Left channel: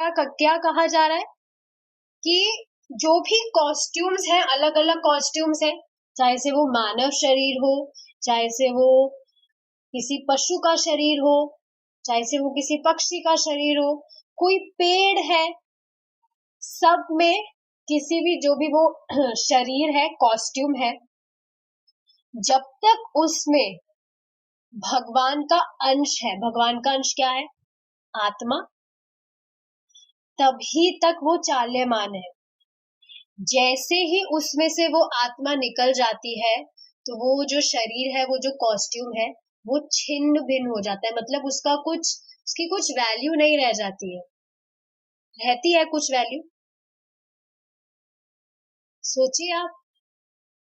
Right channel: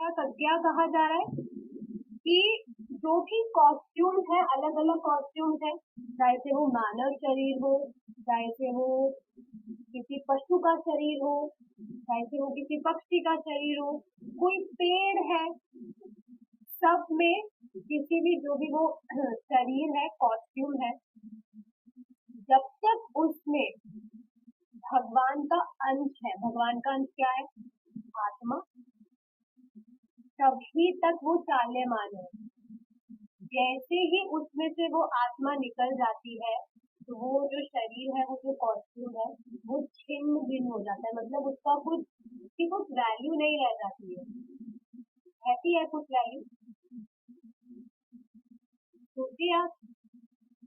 क्या कहा जा रहा है कि जो भी कॉस्ट्यूम्स हैं, अलग अलग कॉस्ट्यूम्स हैं, चाहे से वो मानव शरीर हो, चाहे से वो किसी पशु का शरीर हो, चाहे से वो किसी पक्षी का शरीर हो, कोई पेड़ है, सब में किसी भी जो भी वो शरीर है, कॉस्ट्यूम है, जब तक उसमें भगवान का अंश है, भगवान का अंश क्या है? आत्मा, तभी तक वो चाल्यमान है। जैसे ही उसमें से वो आत्मा निकल जाती है तो वो जो शरीर है, वो जो कॉस्ट्यूम है, वो छिन्न भिन्न हो जाता है। मतलब उसकी कुछ वैल्यू नहीं रह जाती है। रहती है कुछ वैल्यू? सोचिए आप,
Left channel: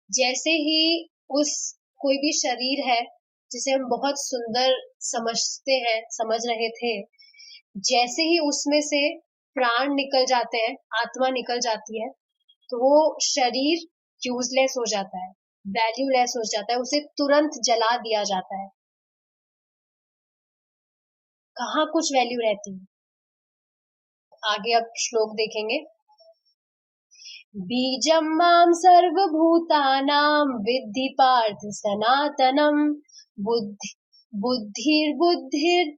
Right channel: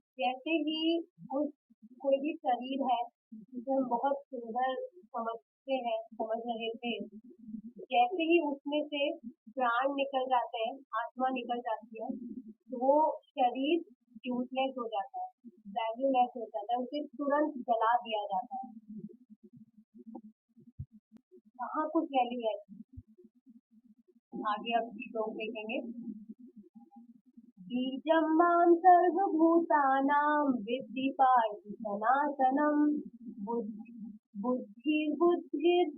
जैसे ही उस कोई भी शरीर है जिसे हम बहुत सुंदर समझते हैं, समझ रहे थे, जैसे ही उसमें से प्राण निकल जाते हैं, आत्मा निकल जाती है, तो वो शरीर यूजलेस हो जाता है, वैल्यूलेस हो जाता है, उसे तुरंत जला दिया जाता है। कहाँ कुछ वैल्यू रहती है? आगे अब श्लोक देखेंगे। बीजं मां सर्वभूतानां विद्धि पार्थ सनातनम बुद्धिर्बुद्धिर्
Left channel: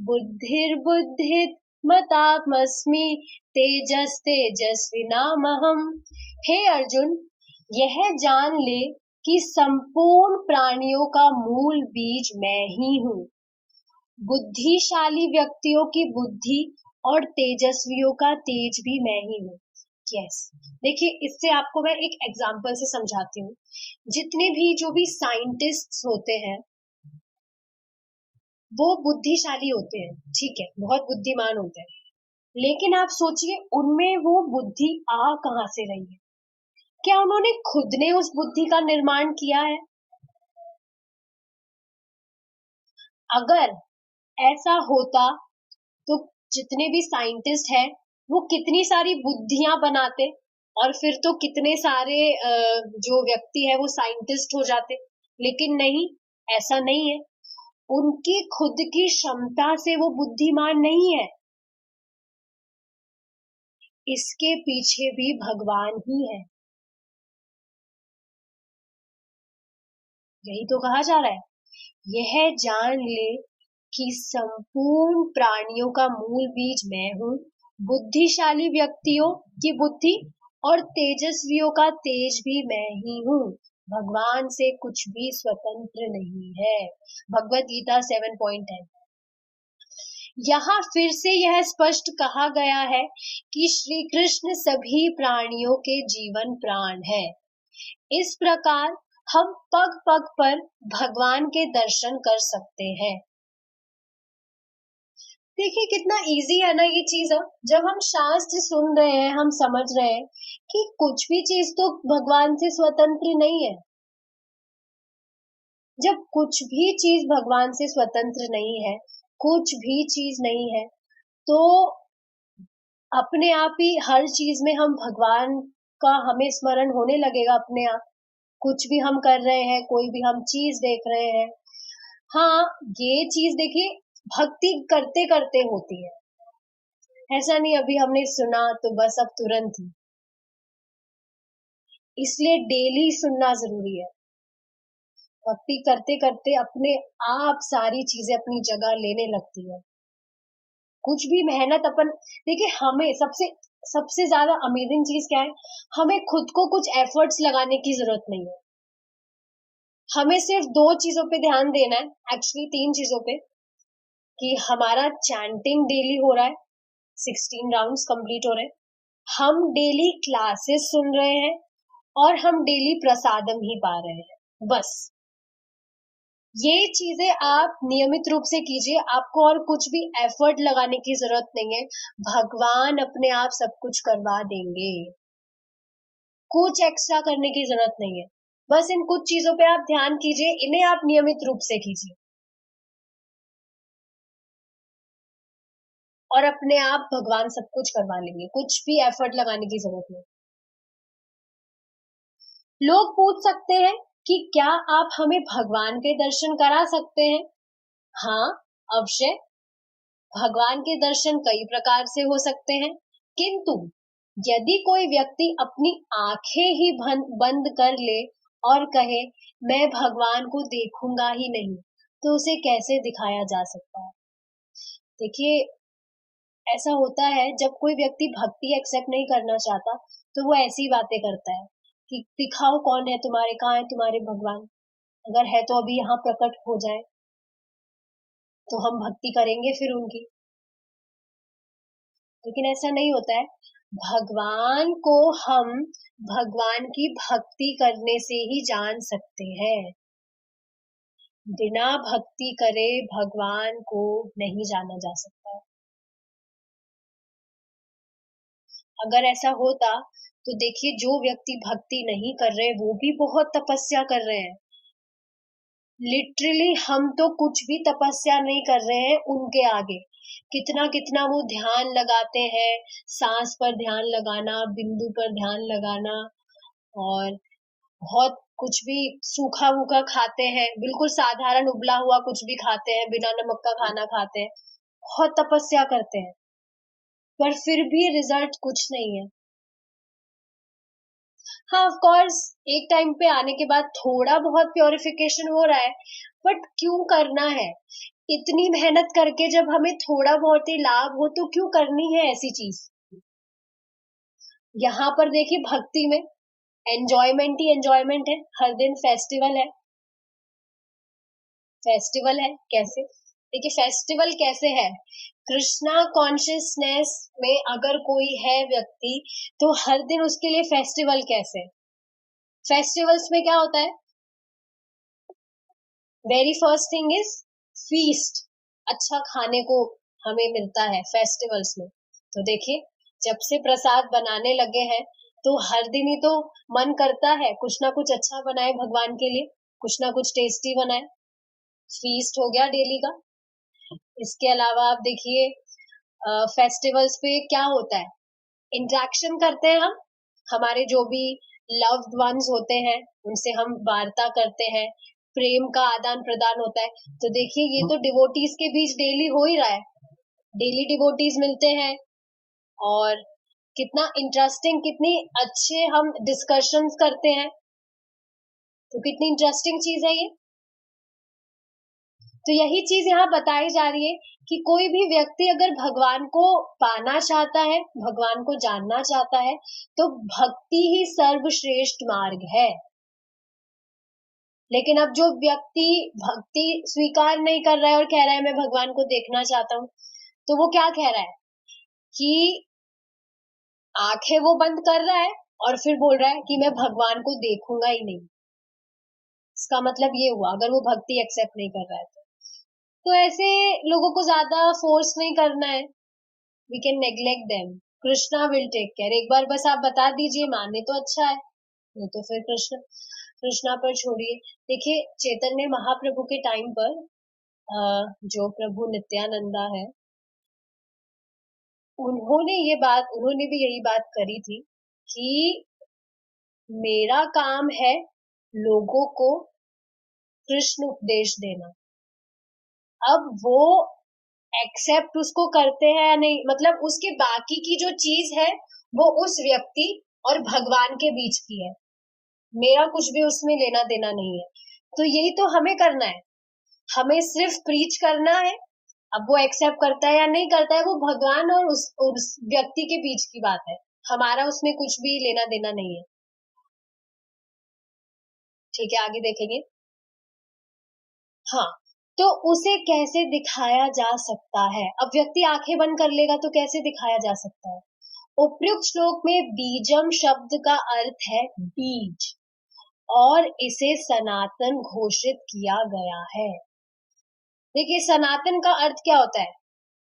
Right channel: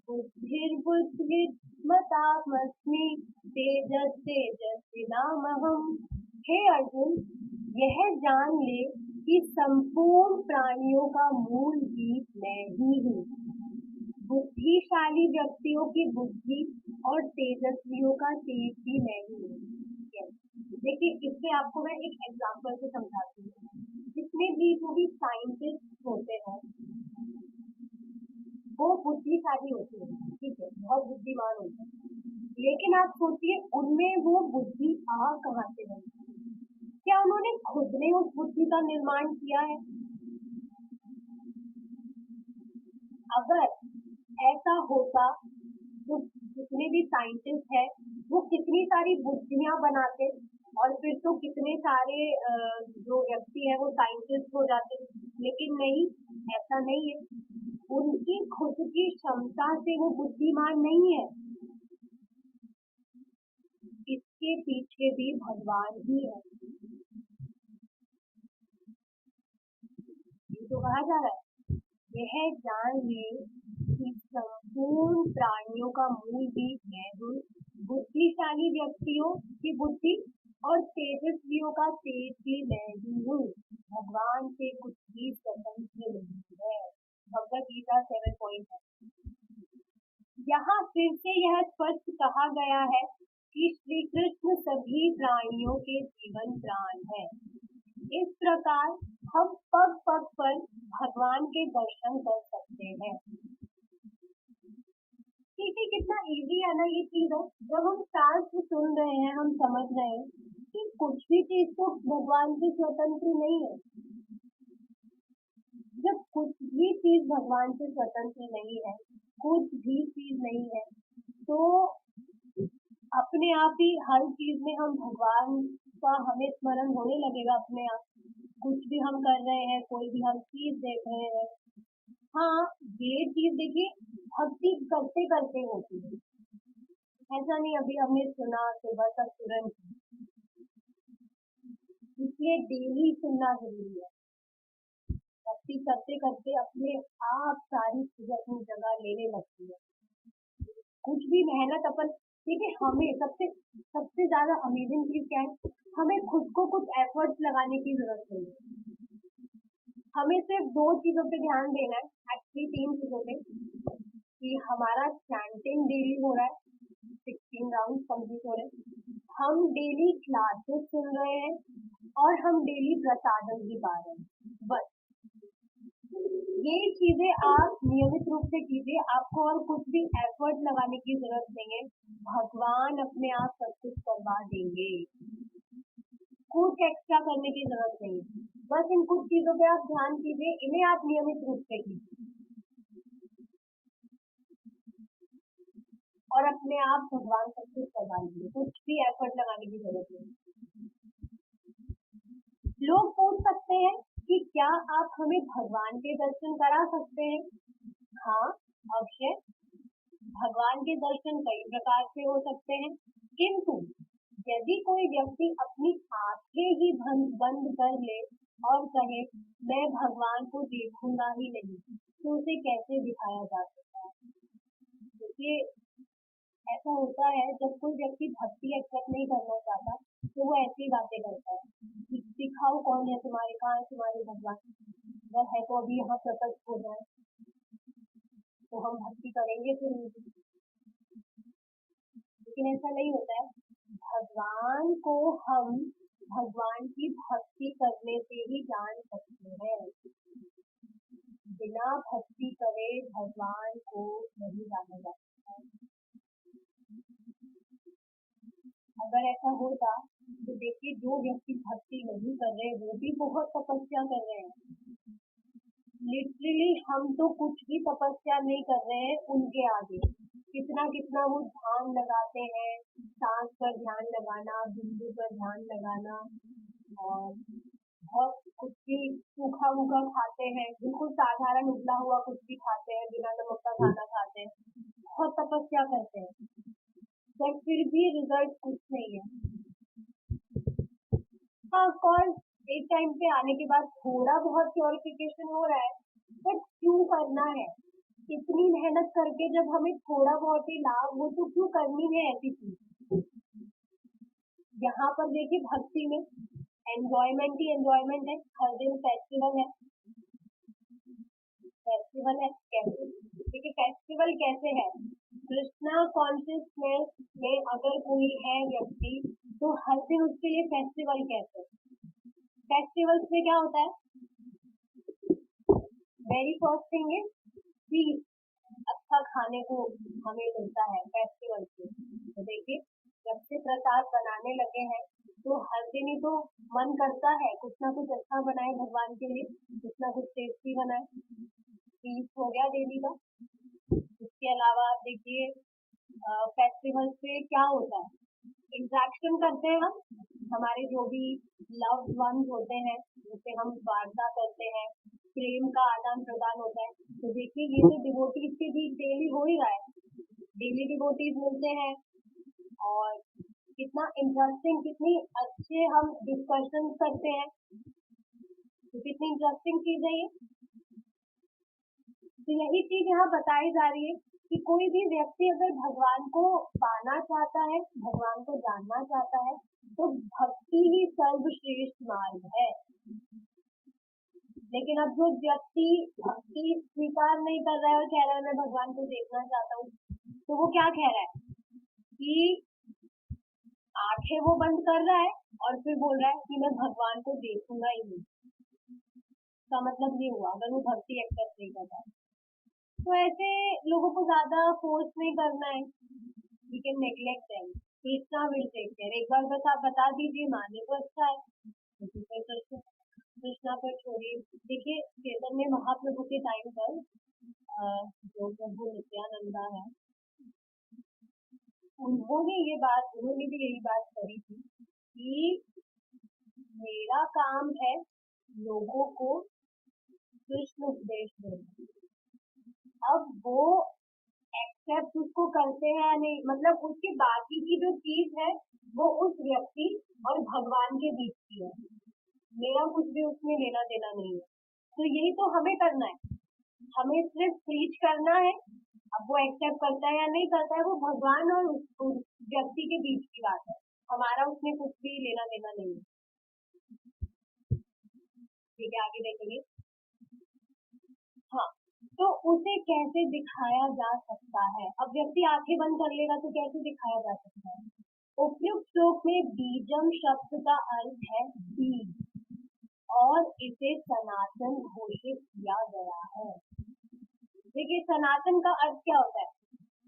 बुद्धिर्बुद्धिर्मतात्मस्मि तेजस तेजस्विनामहम्। हे अर्जुन, यह जान ले कि संपूर्ण प्राणियों का मूल बीज मैं ही हूँ। बुद्धिशाली व्यक्तियों की बुद्धि और तेजस्वियों का तेज भी मैं ही हूँ। यस, देखिए, इससे आपको मैं एक एग्जांपल से समझाती हूँ। जितने भी जो भी साइंटिस्ट्स होते हैं वो बुद्धिशाली होते हैं, ठीक है, बहुत बुद्धिमान होते हैं, लेकिन आप सोचिए उनमें वो बुद्धि आ कहाँ से रही है? क्या उन्होंने खुद ने उस बुद्धि का निर्माण किया है? अगर ऐसा होता तो जितने भी साइंटिस्ट हैं वो कितनी सारी बुद्धियां बनाते, और फिर तो कितने सारे जो व्यक्ति है वो साइंटिस्ट हो जाते। लेकिन नहीं, ऐसा नहीं है। उनकी खुद की क्षमता से वो बुद्धिमान नहीं है, इसके पीछे भी भगवान ही है। यही तो कहा जा रहा है, यह जान ले कि संपूर्ण प्राणियों का मूल बीज मैं हूँ। बुद्धिशाली व्यक्तियों की बुद्धि और तेजस्वियों का तेज भी मैं ही हूँ। भगवान से कुछ भी स्वतंत्र नहीं है। भगवत गीता 7.10। यहाँ फिर से यह स्पष्ट कहा गया है कि श्री कृष्ण सभी प्राणियों के जीवन प्राण है। इस प्रकार हम पग पग पर भगवान के दर्शन कर सकते हैं। देखिए कितना इजी है ना ये चीज। जब हम शास्त्र सुन रहे हैं, हम समझ रहे हैं कि कुछ भी चीज तो भगवान से स्वतंत्र नहीं है। जब कुछ भी चीज भगवान से स्वतंत्र नहीं है, कुछ भी चीज नहीं है, तो अपने आप ही हर चीज में हम भगवान का हमें स्मरण होने लगेगा अपने आप। कुछ भी हम कर रहे हैं, कोई भी हम चीज देख रहे हैं, हाँ, ये चीज देखिए भक्ति करते करते होती है। ऐसा नहीं अभी हमने सुना तो बस अब तुरंत ही। इसलिए डेली सुनना जरूरी है। भक्ति करते करते अपने आप सारी चीजें अपनी जगह लेने लगती है। कुछ भी मेहनत अपन, देखिए हमें सबसे सबसे ज्यादा अमेजिंग चीज क्या है, हमें खुद को कुछ एफर्ट्स लगाने की जरूरत नहीं है। हमें सिर्फ 2 चीजों पे ध्यान देना है, एक्चुअली 3 चीजों पे, कि हमारा चैंटिंग डेली हो रहा है, 16 राउंड्स कंप्लीट हो रहे हैं, हम डेली क्लासेस सुन रहे हैं, और हम डेली प्रसादम ही पा रहे हैं। बस ये चीजें आप नियमित रूप से कीजिए, आपको और कुछ भी एफर्ट लगाने की जरूरत नहीं है। भगवान अपने आप सब कुछ करवा देंगे, कुछ एक्स्ट्रा करने की जरूरत नहीं है। बस इन कुछ चीजों पे आप ध्यान कीजिए, इन्हें आप नियमित रूप से कीजिए, और अपने आप भगवान सब कुछ करवा लेंगे, कुछ भी एफर्ट लगाने की जरूरत नहीं। लोग पूछ सकते हैं कि क्या आप हमें भगवान के दर्शन करा सकते हैं? हाँ, अवश्य। भगवान के दर्शन कई प्रकार से हो सकते हैं, किंतु यदि कोई व्यक्ति अपनी आंखें ही बंद कर ले और कहे मैं भगवान को देखूंगा ही नहीं, तो उसे कैसे दिखाया जा सकता है? देखिए, ऐसा होता है जब कोई व्यक्ति भक्ति एक्सेप्ट नहीं करना चाहता, तो वो ऐसी बातें करता है कि दिखाओ कौन है तुम्हारे, कहाँ है तुम्हारे भगवान, अगर है तो अभी यहाँ प्रकट हो जाए तो हम भक्ति करेंगे फिर उनकी। लेकिन ऐसा नहीं होता है। भगवान को हम भगवान की भक्ति करने से ही जान सकते हैं। बिना भक्ति करे भगवान को नहीं जाना जा सकता है। अगर ऐसा होता तो देखिए, जो व्यक्ति भक्ति नहीं कर रहे वो भी बहुत तपस्या कर रहे हैं। लिटरली हम तो कुछ भी तपस्या नहीं कर रहे हैं उनके आगे। कितना कितना वो ध्यान लगाते हैं, सांस पर ध्यान लगाना, बिंदु पर ध्यान लगाना, और बहुत कुछ भी सूखा वूखा खाते हैं, बिल्कुल साधारण उबला हुआ कुछ भी खाते हैं, बिना नमक का खाना खाते हैं, बहुत तपस्या करते हैं, पर फिर भी रिजल्ट कुछ नहीं है। हाँ, ऑफ कोर्स एक टाइम पे आने के बाद थोड़ा बहुत प्योरिफिकेशन हो रहा है, बट क्यों करना है? इतनी मेहनत करके जब हमें थोड़ा बहुत ही लाभ हो तो क्यों करनी है ऐसी चीज? यहाँ पर देखिए, भक्ति में एंजॉयमेंट ही एंजॉयमेंट है। हर दिन फेस्टिवल है, फेस्टिवल है कैसे? देखिए, फेस्टिवल कैसे है? कृष्णा कॉन्शियसनेस में अगर कोई है व्यक्ति, तो हर दिन उसके लिए फेस्टिवल कैसे? फेस्टिवल्स में क्या होता है? Very first thing is feast. अच्छा खाने को हमें मिलता है फेस्टिवल्स में। तो देखिए, जब से प्रसाद बनाने लगे हैं तो हर दिन ही तो मन करता है कुछ ना कुछ अच्छा बनाए भगवान के लिए, कुछ ना कुछ टेस्टी बनाए। फीस्ट हो गया डेली का। इसके अलावा आप देखिए, फेस्टिवल्स पे क्या होता है? इंटरेक्शन करते हैं हम, हमारे जो भी लव्ड वंस होते हैं उनसे हम वार्ता करते हैं, प्रेम का आदान प्रदान होता है। तो देखिए, ये तो डिवोटीज के बीच डेली हो ही रहा है। डेली डिवोटीज मिलते हैं और कितना इंटरेस्टिंग, कितनी अच्छे हम डिस्कशंस करते हैं। तो कितनी इंटरेस्टिंग चीज है ये। तो यही चीज यहाँ बताई जा रही है कि कोई भी व्यक्ति अगर भगवान को पाना चाहता है, भगवान को जानना चाहता है, तो भक्ति ही सर्वश्रेष्ठ मार्ग है। लेकिन अब जो व्यक्ति भक्ति स्वीकार नहीं कर रहा है और कह रहा है मैं भगवान को देखना चाहता हूँ, तो वो क्या कह रहा है कि आंखें वो बंद कर रहा है और फिर बोल रहा है कि मैं भगवान को देखूंगा ही नहीं। इसका मतलब ये हुआ, अगर वो भक्ति एक्सेप्ट नहीं कर रहा है तो ऐसे लोगों को ज्यादा फोर्स नहीं करना है। We can neglect them, Krishna will take care. एक बार बस आप बता दीजिए, माने तो अच्छा है, नहीं तो फिर कृष्णा पर छोड़िए। देखिए, चैतन्य महाप्रभु के टाइम पर जो प्रभु नित्यानंदा है, उन्होंने भी यही बात करी थी कि मेरा काम है लोगों को कृष्ण उपदेश देना। अब वो एक्सेप्ट उसको करते हैं या नहीं, मतलब उसके बाकी की जो चीज है वो उस व्यक्ति और भगवान के बीच की है, मेरा कुछ भी उसमें लेना देना नहीं है। तो यही तो हमें करना है, हमें सिर्फ प्रीच करना है। अब वो एक्सेप्ट करता है या नहीं करता है, वो भगवान और उस व्यक्ति के बीच की बात है, हमारा उसमें कुछ भी लेना देना नहीं है। ठीक है, आगे देखेंगे। हाँ, तो उसे कैसे दिखाया जा सकता है? अब व्यक्ति आंखें बंद कर लेगा तो कैसे दिखाया जा सकता है? उपयुक्त श्लोक में बीजम शब्द का अर्थ है बीज, और इसे सनातन घोषित किया गया है। देखिए, सनातन का अर्थ क्या होता है?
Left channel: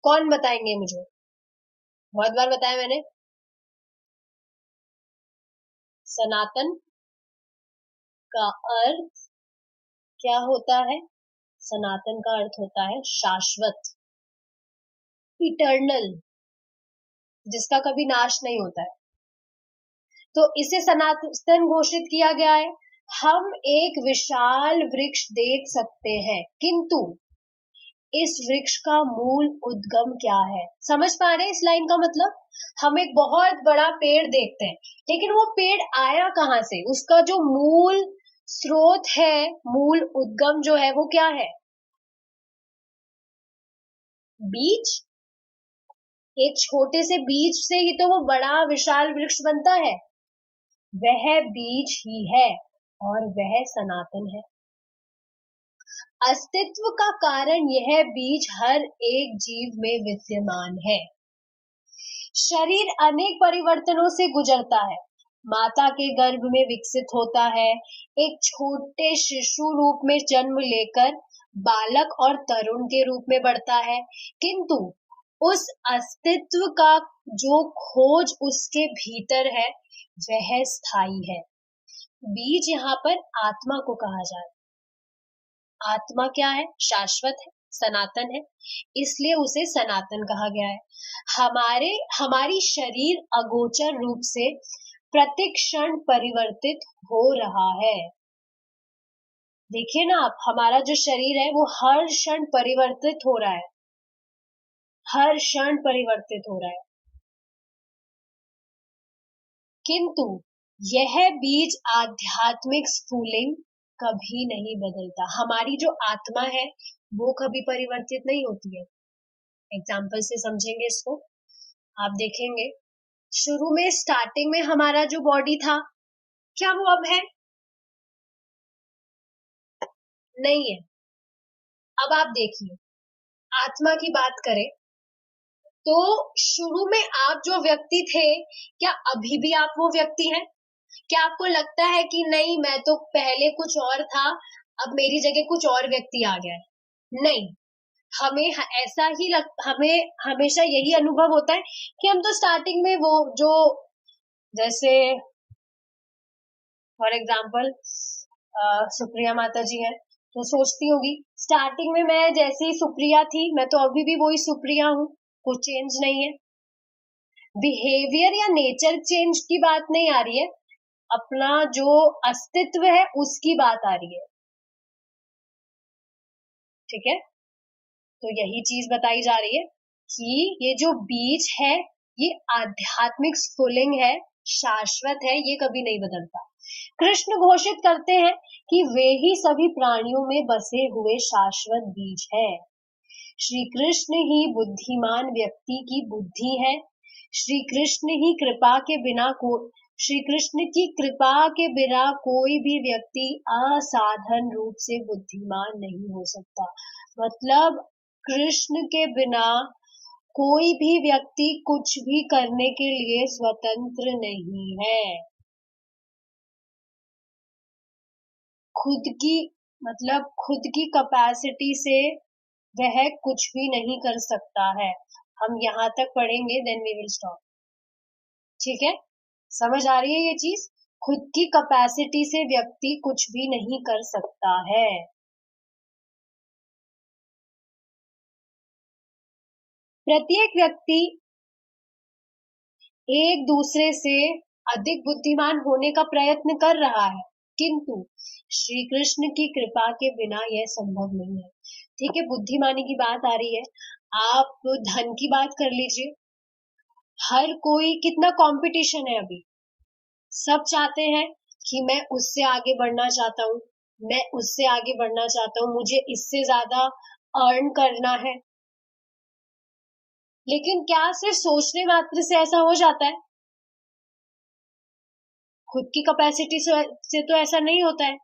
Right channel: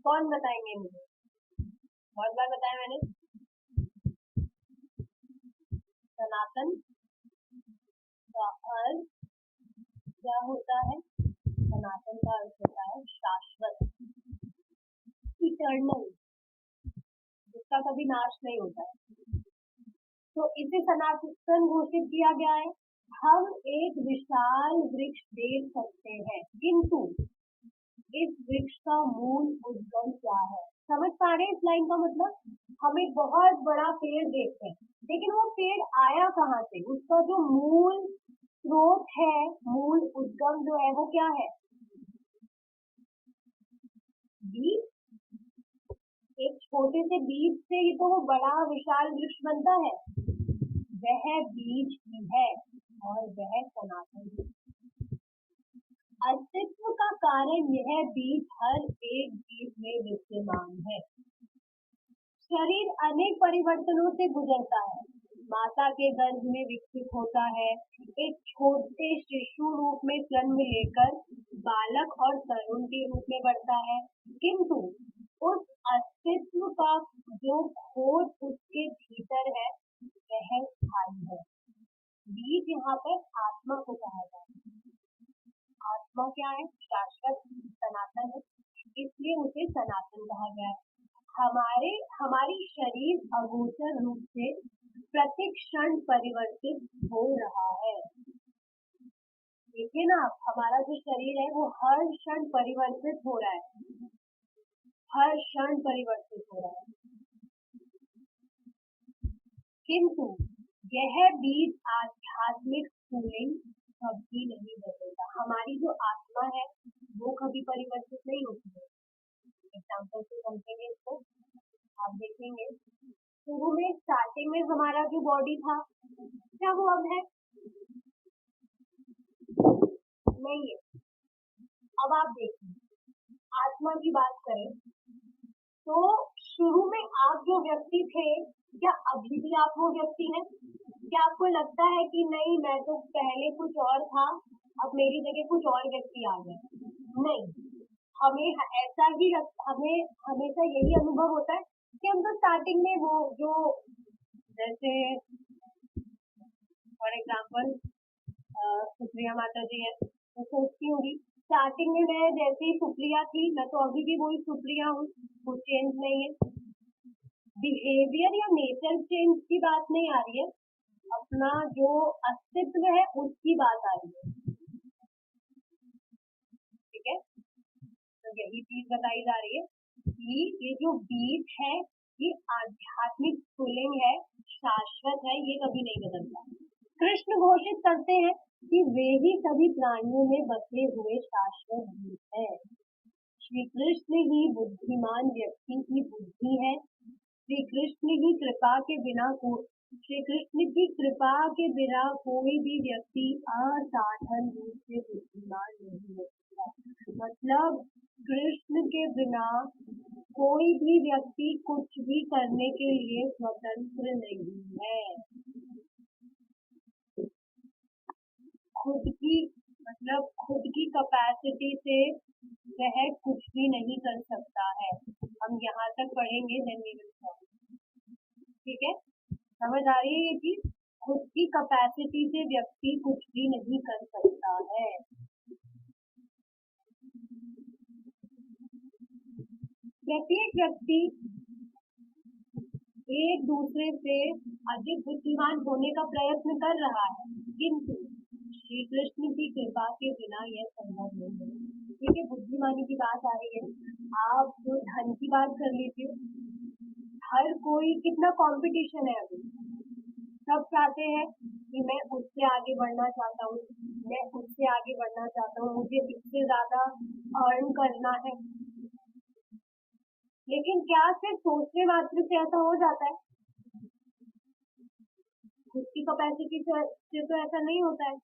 कौन बताएंगे मुझे? बहुत बार बताया मैंने। सनातन का अर्थ क्या होता है? सनातन का अर्थ होता है शाश्वत, इटर्नल, जिसका कभी नाश नहीं होता है। तो इसे सनातन घोषित किया गया है। हम एक विशाल वृक्ष देख सकते हैं, किंतु इस वृक्ष का मूल उद्गम क्या है। समझ पा रहे हैं इस लाइन का मतलब? हम एक बहुत बड़ा पेड़ देखते हैं, लेकिन वो पेड़ आया कहाँ से, उसका जो मूल स्रोत है, मूल उद्गम जो है वो क्या है? बीज। एक छोटे से बीज से ही तो वो बड़ा विशाल वृक्ष बनता है। वह बीज ही है और वह सनातन है। अस्तित्व का कारण यह बीज हर एक जीव में विद्यमान है। शरीर अनेक परिवर्तनों से गुजरता है। माता के गर्भ में विकसित होता है, एक छोटे शिशु रूप में जन्म लेकर बालक और तरुण के रूप में बढ़ता है, किंतु उस अस्तित्व का जो खोज उसके भीतर है वह स्थायी है। बीज यहाँ पर आत्मा को कहा जा रहा है। आत्मा क्या है? शाश्वत है, सनातन है, इसलिए उसे सनातन कहा गया है। हमारी शरीर अगोचर रूप से प्रतिक्षण परिवर्तित हो रहा है। देखिए ना आप, हमारा जो शरीर है वो हर क्षण परिवर्तित हो रहा है, हर क्षण परिवर्तित हो रहा है, किंतु यह बीज आध्यात्मिक स्फुलिंग कभी नहीं बदलता। हमारी जो आत्मा है वो कभी परिवर्तित नहीं होती है। एग्जाम्पल से समझेंगे इसको। आप देखेंगे शुरू में स्टार्टिंग में हमारा जो बॉडी था, क्या वो अब है? नहीं है। अब आप देखिए, आत्मा की बात करें तो शुरू में आप जो व्यक्ति थे, क्या अभी भी आप वो व्यक्ति हैं? क्या आपको लगता है कि नहीं, मैं तो पहले कुछ और था, अब मेरी जगह कुछ और व्यक्ति आ गया है? नहीं, हमें हमेशा यही अनुभव होता है कि हम तो स्टार्टिंग में वो जो, जैसे फॉर एग्जाम्पल सुप्रिया माता जी है, तो सोचती होगी स्टार्टिंग में मैं जैसी सुप्रिया थी, मैं तो अभी भी वही सुप्रिया हूँ, कुछ चेंज नहीं है। बिहेवियर या नेचर चेंज की बात नहीं आ रही है, अपना जो अस्तित्व है उसकी बात आ रही है। ठीक है, तो यही चीज बताई जा रही है कि ये जो बीज है ये आध्यात्मिक स्फुलिंग है, शाश्वत है, ये कभी नहीं बदलता। कृष्ण घोषित करते हैं कि वे ही सभी प्राणियों में बसे हुए शाश्वत बीज है। श्री कृष्ण ही बुद्धिमान व्यक्ति की बुद्धि है। श्री कृष्ण ही कृपा के बिना श्री कृष्ण की कृपा के बिना कोई भी व्यक्ति असाधारण रूप से बुद्धिमान नहीं हो सकता। मतलब कृष्ण के बिना कोई भी व्यक्ति कुछ भी करने के लिए स्वतंत्र नहीं है। खुद की कैपेसिटी से वह कुछ भी नहीं कर सकता है। हम यहाँ तक पढ़ेंगे, देन वी विल स्टॉप। ठीक है, समझ आ रही है ये चीज? खुद की कैपेसिटी से व्यक्ति कुछ भी नहीं कर सकता है। प्रत्येक व्यक्ति एक दूसरे से अधिक बुद्धिमान होने का प्रयत्न कर रहा है, किंतु श्री कृष्ण की कृपा के बिना यह संभव नहीं है। ठीक है, बुद्धिमानी की बात आ रही है, आप धन की बात कर लीजिए। हर कोई, कितना कंपटीशन है अभी, सब चाहते हैं कि मैं उससे आगे बढ़ना चाहता हूँ, मैं उससे आगे बढ़ना चाहता हूँ, मुझे इससे ज्यादा अर्न करना है। लेकिन क्या सिर्फ सोचने मात्र से ऐसा हो जाता है? खुद की कैपेसिटी से तो ऐसा नहीं होता है।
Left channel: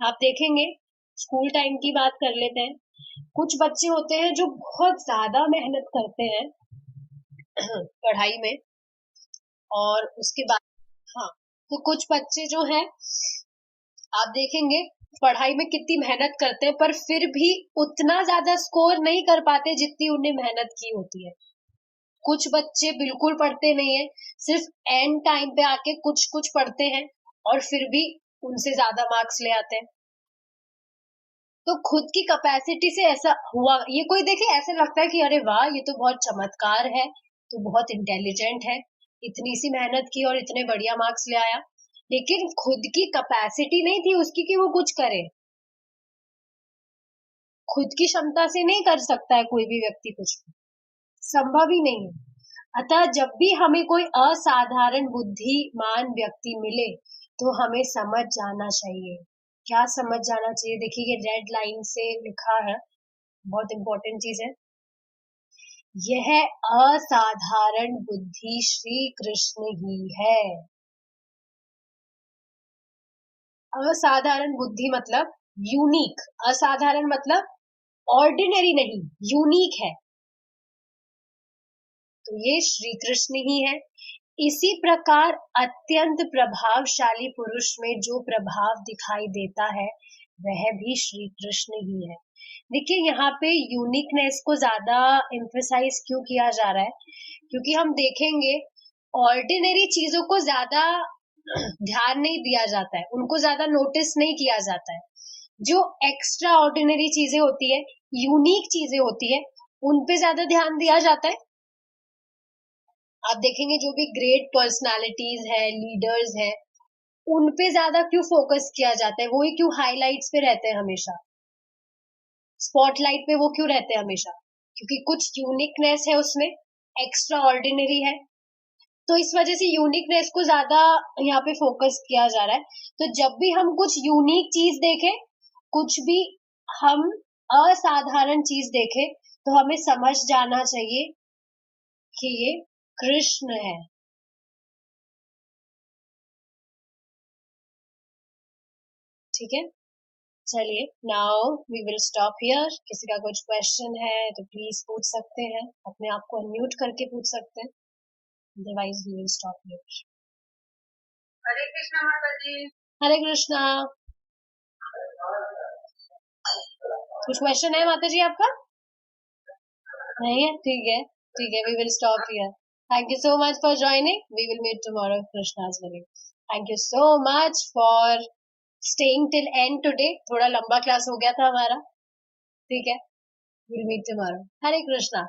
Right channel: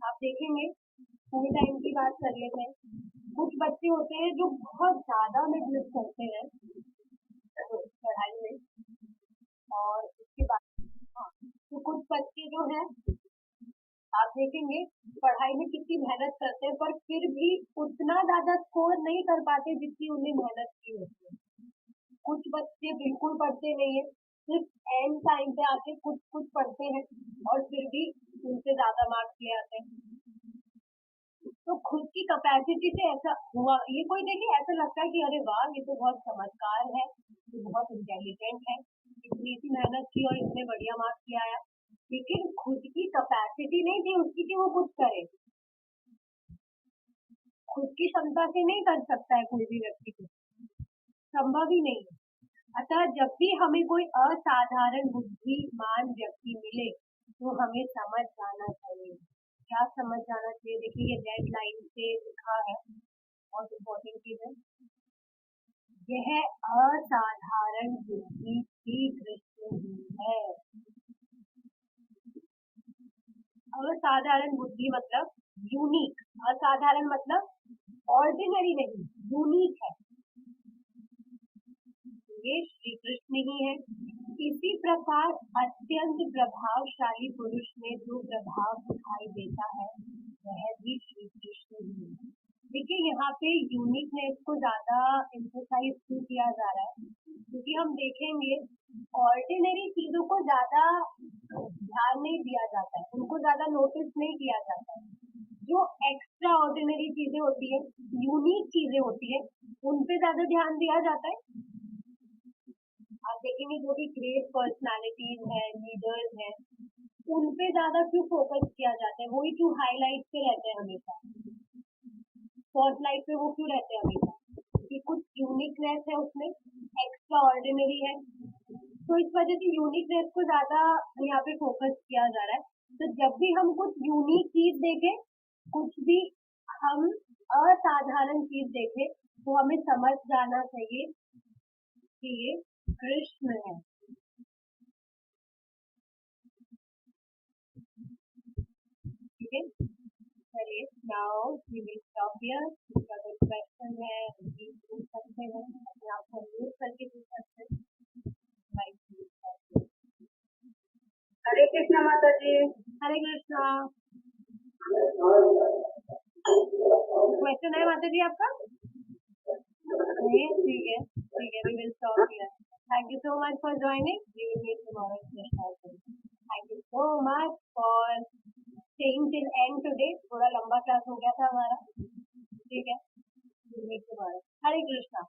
आप देखेंगे, स्कूल टाइम की बात कर लेते हैं। कुछ बच्चे होते हैं जो बहुत ज्यादा मेहनत करते हैं पढ़ाई में, और उसके बाद हाँ, तो कुछ बच्चे जो हैं आप देखेंगे पढ़ाई में कितनी मेहनत करते हैं, पर फिर भी उतना ज्यादा स्कोर नहीं कर पाते जितनी उन्हें मेहनत की होती है। कुछ बच्चे बिल्कुल पढ़ते नहीं है, सिर्फ एंड टाइम पे आके कुछ कुछ पढ़ते हैं और फिर भी उनसे ज्यादा मार्क्स ले आते हैं। तो खुद की कैपेसिटी से ऐसा हुआ, ये कोई देखे ऐसा लगता है कि अरे वाह, ये तो बहुत चमत्कार है, तो बहुत इंटेलिजेंट है, इतनी सी मेहनत की और इतने बढ़िया मार्क्स ले आया। लेकिन खुद की कैपेसिटी नहीं थी उसकी कि वो कुछ करे। खुद की क्षमता से नहीं कर सकता है कोई भी व्यक्ति कुछ भी, संभव ही नहीं है। अतः जब भी हमें कोई असाधारण बुद्धिमान व्यक्ति मिले तो हमें समझ जाना चाहिए। क्या समझ जाना चाहिए? देखिए ये रेड लाइन से लिखा है, बहुत इंपॉर्टेंट चीज है। यह असाधारण बुद्धि श्री कृष्ण ही है। असाधारण बुद्धि मतलब यूनिक, असाधारण मतलब ऑर्डिनरी नहीं, यूनिक है, तो ये श्री कृष्ण ही है। इसी प्रकार अत्यंत प्रभावशाली पुरुष में जो प्रभाव दिखाई देता है वह भी श्री कृष्ण ही है। देखिए यहाँ पे यूनिकनेस को ज्यादा एम्फेसाइज क्यों किया जा रहा है, क्योंकि हम देखेंगे ऑर्डिनरी चीजों को ज्यादा ध्यान नहीं दिया जाता है, उनको ज्यादा नोटिस नहीं किया जाता है। जो एक्स्ट्रा ऑर्डिनरी चीजें होती है, यूनिक चीजें होती है, उन पे ज्यादा ध्यान दिया जाता है। आप देखेंगे जो भी ग्रेट पर्सनालिटीज है, लीडर्स है, उन पे ज्यादा क्यों फोकस किया जाता है, वो ही क्यों हाईलाइट्स पे रहते हैं हमेशा, स्पॉटलाइट पे वो क्यों रहते हैं हमेशा, क्योंकि कुछ यूनिकनेस है उसमें, एक्स्ट्रा ऑर्डिनरी है, तो इस वजह से यूनिकनेस को ज्यादा यहाँ पे फोकस किया जा रहा है। तो जब भी हम कुछ यूनिक चीज देखें, कुछ भी हम असाधारण चीज देखें, तो हमें समझ जाना चाहिए कि ये कृष्ण है। ठीक है, चलिए now we will stop here. किसी का कुछ क्वेश्चन है तो प्लीज पूछ सकते हैं, अपने आप को अनम्यूट करके पूछ सकते हैं, otherwise we will stop here. Hare Krishna माता जी। हरे कृष्णा। कुछ क्वेश्चन है माता जी आपका? नहीं है? ठीक है, ठीक है, we will stop here. Thank you so much for joining, we will meet tomorrow Krishna's wedding। Thank you so much for staying till end today. थोड़ा लंबा क्लास हो गया था हमारा, ठीक है, will meet tomorrow. Hare Krishna.